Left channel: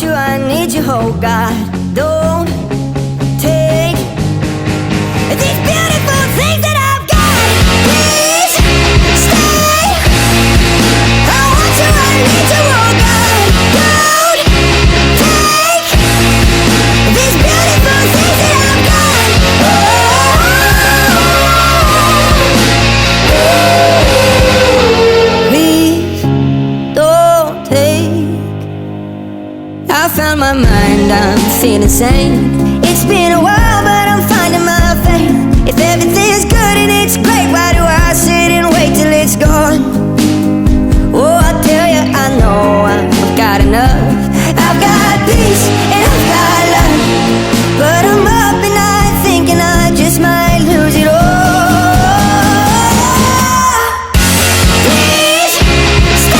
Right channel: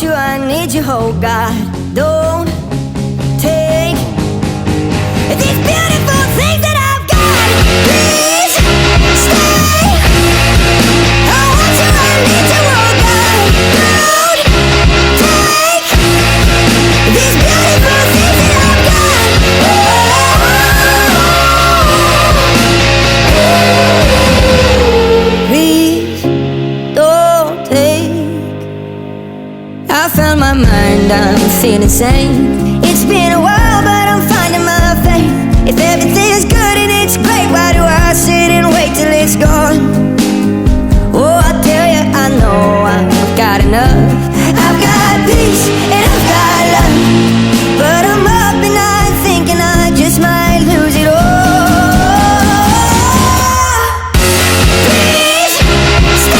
want you, I need you, oh God. Don't take these beautiful things that I've got. Please stay. I want you, I need you, oh God. Don't take these beautiful things that I've got. Oh, please don't take. I found my mind, I'm feeling sane. It's been a while, but I'm finding my faith. If everything's good and it's great, why do I sit and wait till it's gone? Oh, I tell you, I know I've got enough.